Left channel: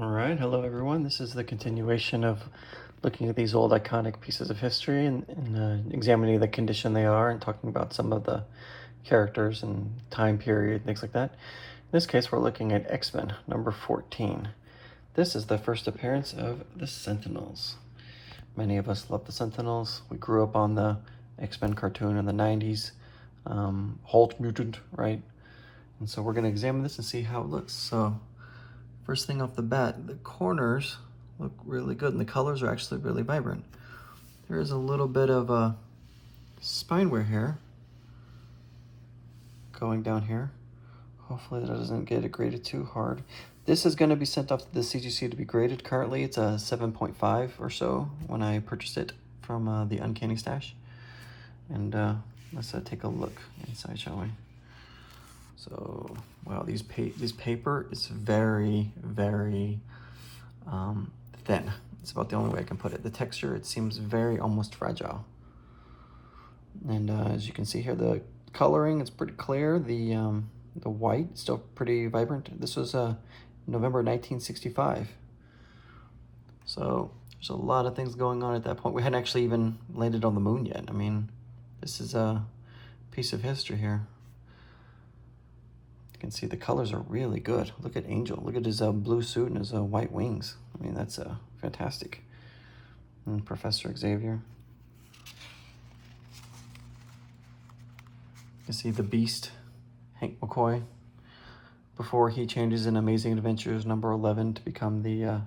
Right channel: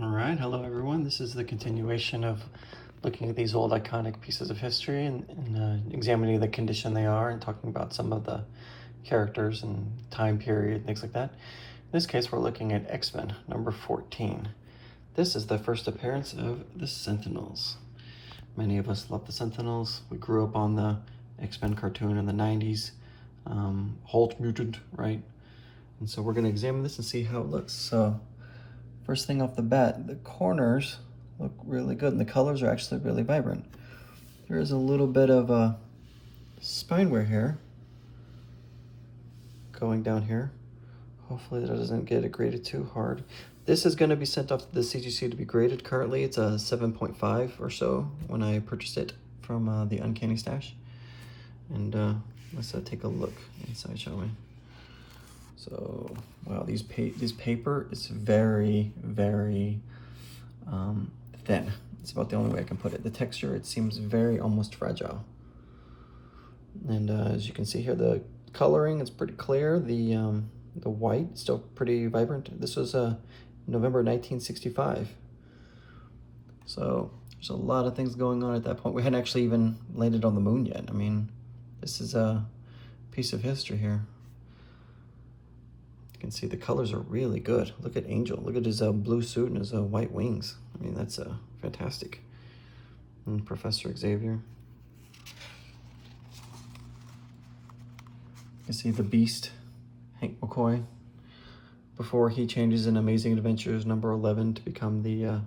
All right, hello everyone. This is the continuation of looking at these old iconic pieces of history and examining the condition they are and talking about some of the characters and time period, things like that. In this case, we're looking at X-Men number 14. This is the first appearance of the Sentinels. Many of us love the Sentinels. We grew up on the X-Men cartoon in the 90s. Hulk mutant, right? And so we're going to examine this and see how it looks. So first thing off the bat, the corners look really good and the colors are actually really vibrant. There is a little bit of a spine wear here going down here. Hopefully that doesn't get it graded too hard. This is going to be sent off to the CGC to be graded. Currently it's a 7.5 or so when I purchased it from the Uncanny stash. And let's take a look inside, shall we? So, wow, this paper is very, very thin. It's about the only way I can put it. The texture, it seems very almost fragile. And as you can see here, the coloring is pretty clear. The white, still pretty vibrant. This was November 1965. So there's a lot of things going on at that point. We hadn't actually even landed on the moon yet. I mean, this is a piece of history here. You can see the colors are really good. Look at Angel. Look at his blue suit and his white wings. I mean, that's fantastic. And Professor Xavier. You can see the Beast, Hank McCoy, before he changes in Amazing Adventures number 11 to become the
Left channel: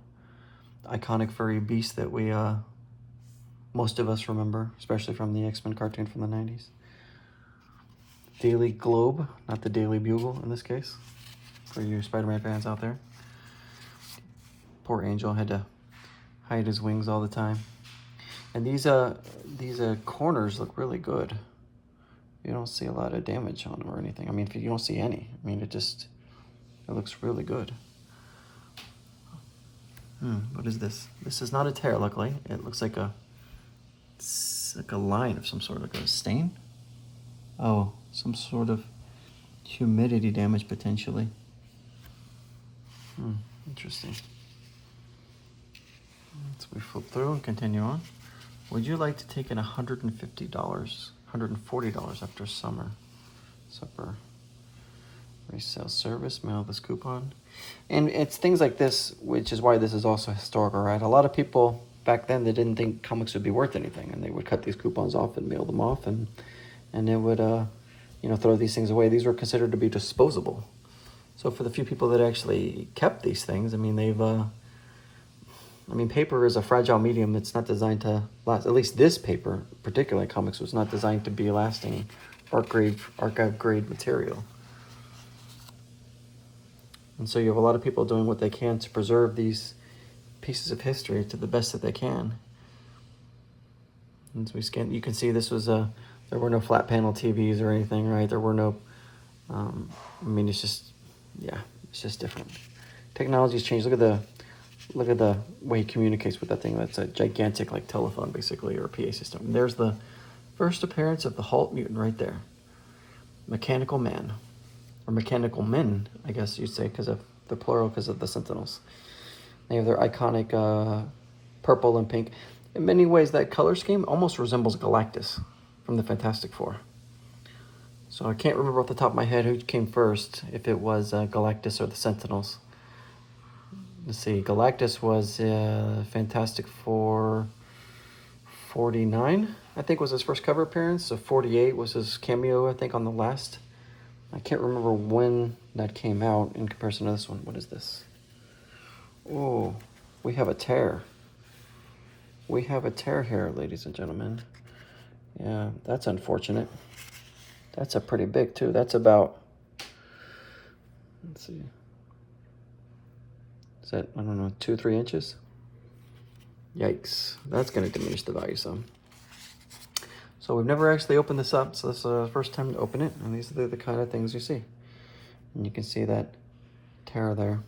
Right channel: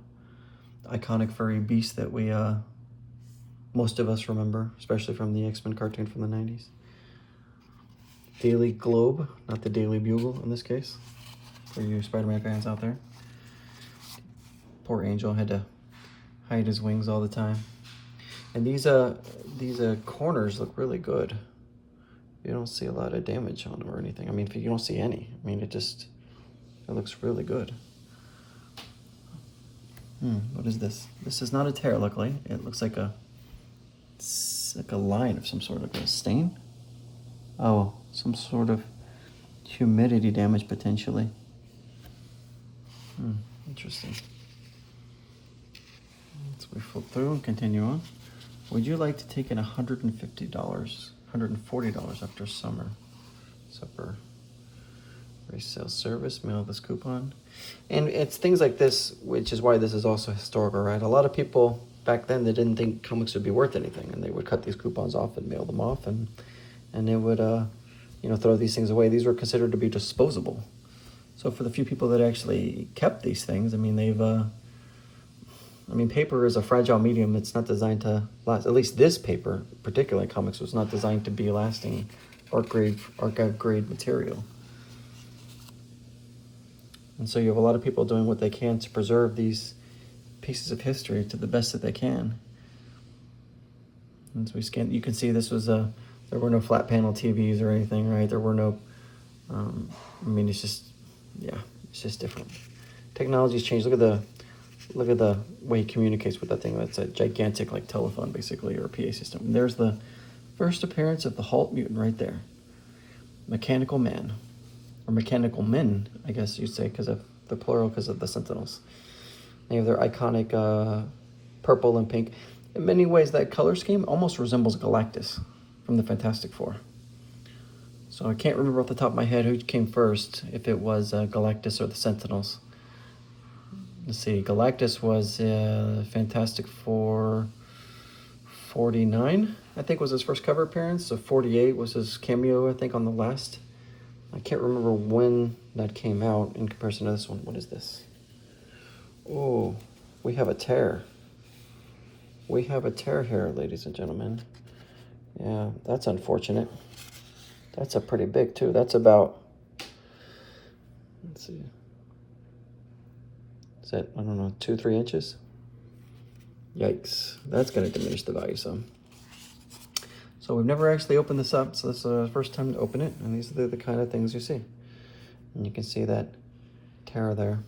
iconic furry beast that we, most of us remember, especially from the X-Men cartoon from the 90s. Daily Globe, not the Daily Bugle in this case, for you Spider-Man fans out there. Poor Angel had to hide his wings all the time. And these corners look really good. You don't see a lot of damage on them or anything. I mean, if you don't see any, I mean, it looks really good. What is this? This is not a tear, luckily. It looks like it's like a line of some sort, like a stain. Oh, some sort of humidity damage potentially. Interesting. So we flip through and continue on. Would you like to take in $150, $140 after summer? Supper. Resale service, mail this coupon. And it's things like this, which is why this is also historical, right? A lot of people back then, they didn't think comics would be worth anything, and they would cut these coupons off and mail them off, and they would throw these things away. These were considered to be disposable. So for the few people that actually kept these things, I mean, paper is a fragile medium. It's not designed to last. At least this paper, particularly comics, was not designed to be lasting archive grade material. And so you have a lot of people doing what they can to preserve these pieces of history to the best that they can. And so we scan, you can see this was there were no flat panel TVs or anything, right? There were no, I mean, it's just different. Technology's changed. Look at the way he communicates with that thing. That's a gigantic like telephone basically, or a PA system. And there's the first appearance of the Hulk mutant right there. Mechanical Man, or Mechanical Men, I guess you'd say, because of the plural, because of the Sentinels. They have their iconic purple and pink. In many ways, that color scheme almost resembles Galactus from the Fantastic Four. So I can't remember off the top of my head who came first, if it was Galactus or the Sentinels. Let's see, Galactus was Fantastic Four 49, I think was his first cover appearance. So 48 was his cameo, I think, on the last. I can't remember when that came out in comparison to this one. What is this? Oh, we have a tear. We have a tear here, ladies and gentlemen. Yeah, that's unfortunate. That's a pretty big too. That's about, let's see. Is that, I don't know, 2-3 inches? Yikes, that's gonna diminish the value some. So we've never actually opened this up, so this is the first time to open it, and these are the kind of things you see. And you can see that tear there.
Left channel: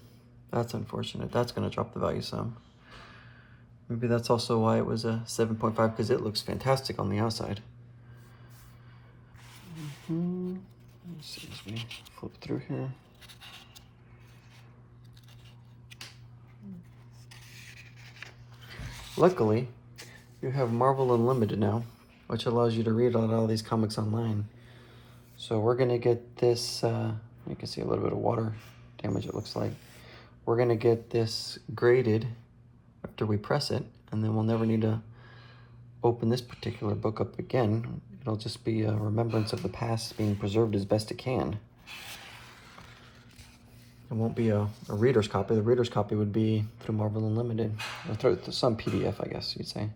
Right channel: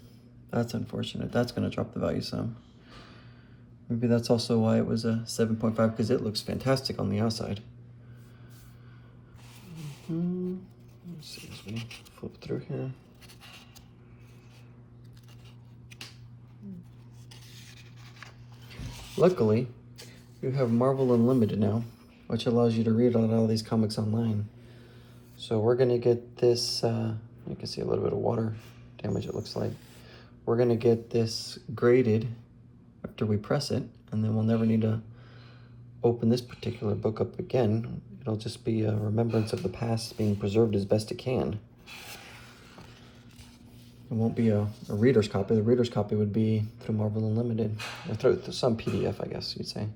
That's unfortunate. That's gonna drop the value some. Maybe that's also why it was a 7.5, because it looks fantastic on the outside. Let's see as we flip through here. Luckily, you have Marvel Unlimited now, which allows you to read all these comics online. So we're gonna get this, you can see a little bit of water damage it looks like. We're gonna get this graded after we press it, and then we'll never need to open this particular book up again. It'll just be a remembrance of the past being preserved as best it can. It won't be a reader's copy. The reader's copy would be through Marvel Unlimited, or through some PDF, I guess you'd say.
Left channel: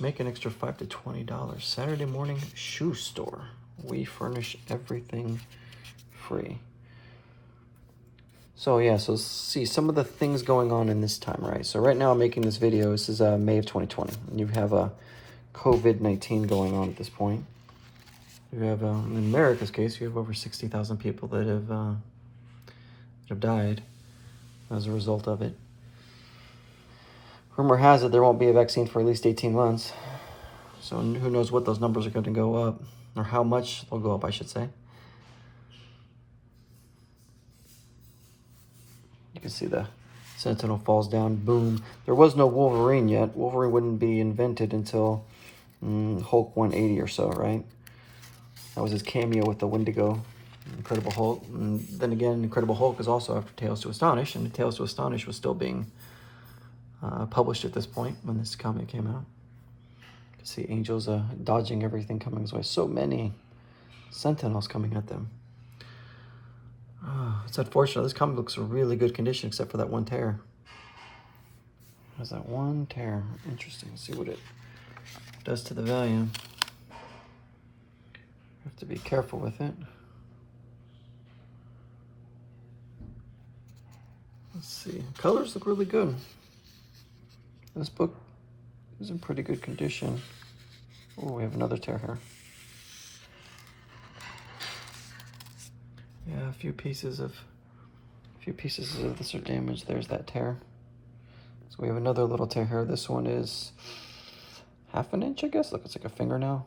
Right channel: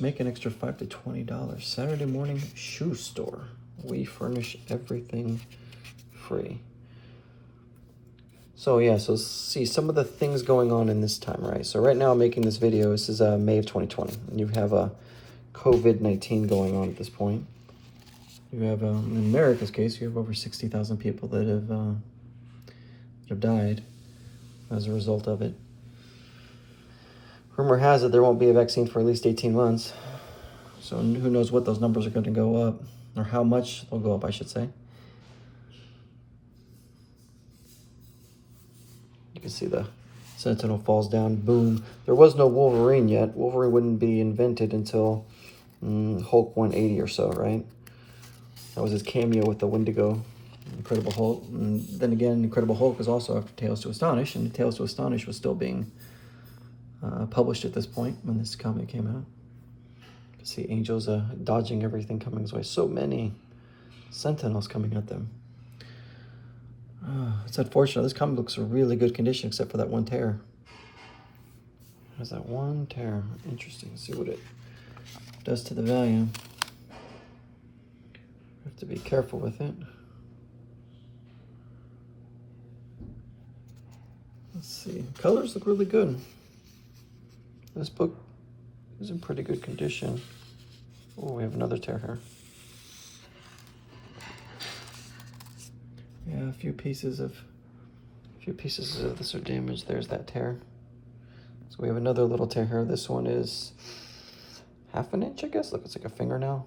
Make an extra $5 to $20. Saturday morning shoe store. We furnish everything free. So yeah, so see some of the things going on in this time, right? So right now I'm making this video. This is May of 2020. You have a COVID-19 going on at this point. You have, in America's case, you have over 60,000 people that have died as a result of it. Rumor has it there won't be a vaccine for at least 18 months. So who knows what those numbers are going to go up, or how much they'll go up, I should say. You can see the Sentinel falls down, boom. There was no Wolverine yet. Wolverine wouldn't be invented until Hulk 180 or so, right? That was his cameo with the Wendigo, Incredible Hulk. And then again, Incredible Hulk is also after Tales to Astonish, and Tales to Astonish was still being published at this point when this comic came out. You can see Angel's dodging everything coming his way. So many Sentinels coming at them. It's unfortunate. This comic looks in really good condition except for that one tear. There's that one tear. Interesting. Let's see what it does to the value. Have to be careful with it. Let's see. Colors look really good. This book is in pretty good condition. Oh, we have another tear here. Yeah, a few pieces of this are damaged. There's that tear. So we have another little tear here. This one is half an inch, I guess. Look, it's like a fingernail.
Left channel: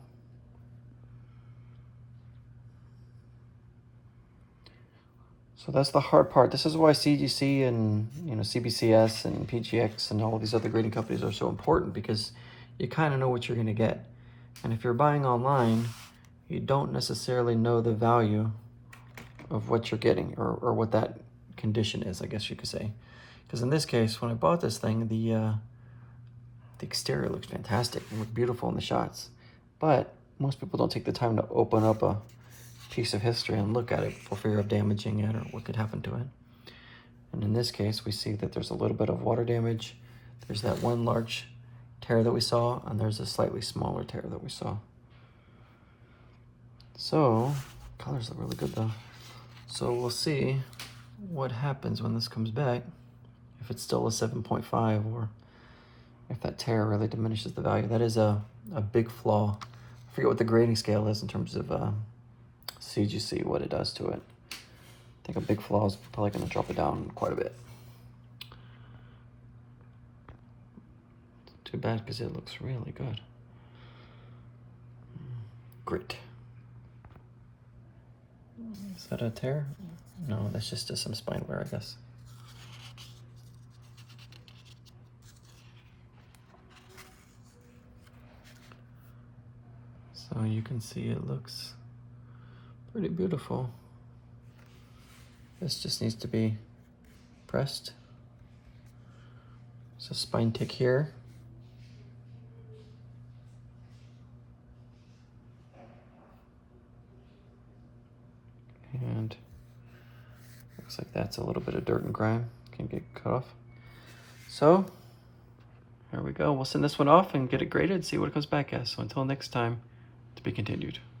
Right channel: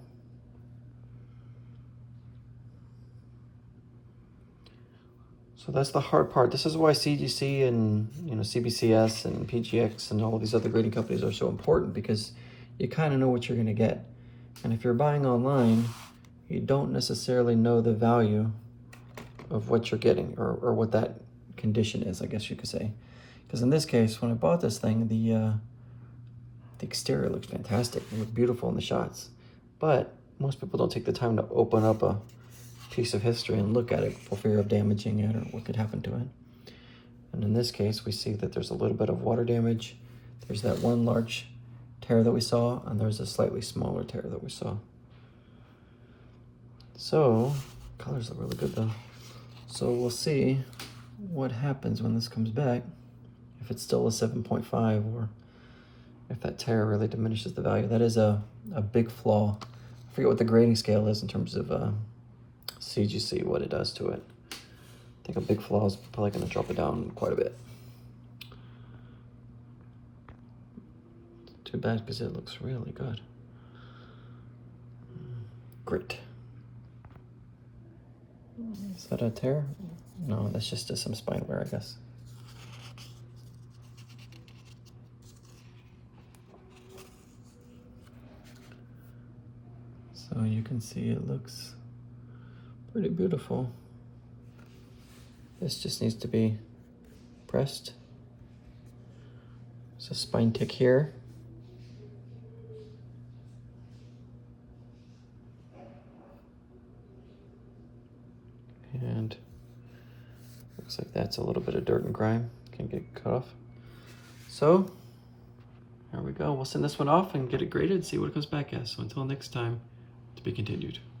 So that's the hard part. This is why CGC and CBCS and PGX and all these other grading companies are so important, because you kind of know what you're going to get. And if you're buying online, you don't necessarily know the value of what you're getting, or what that condition is, I guess you could say. Because in this case, when I bought this thing, the exterior looks fantastic. It looked beautiful in the shots. But most people don't take the time to open up a piece of history and look at it for fear of damaging it or what could happen to it. And in this case, we see that there's a little bit of water damage. There's that one large tear that we saw, and there's a slightly smaller tear that we saw. So, colors look really good though. So we'll see what happens when this comes back, if it's still a 7.5 or if that tear really diminishes the value. That is a big flaw. I forget what the grading scale is in terms of CGC, what it does to it. I think a big flaw is probably going to drop it down quite a bit. Too bad, because it looks really good. Great. Is that a tear? No, that's just some spine wear, I guess. So you can see it looks pretty beautiful. This just needs to be pressed. So spine tick here. And looks like that's a little bit of dirt and grime. Can get cut off. So there we go. We'll send this one off and get it graded, see what it comes back as. So until next time, to be continued.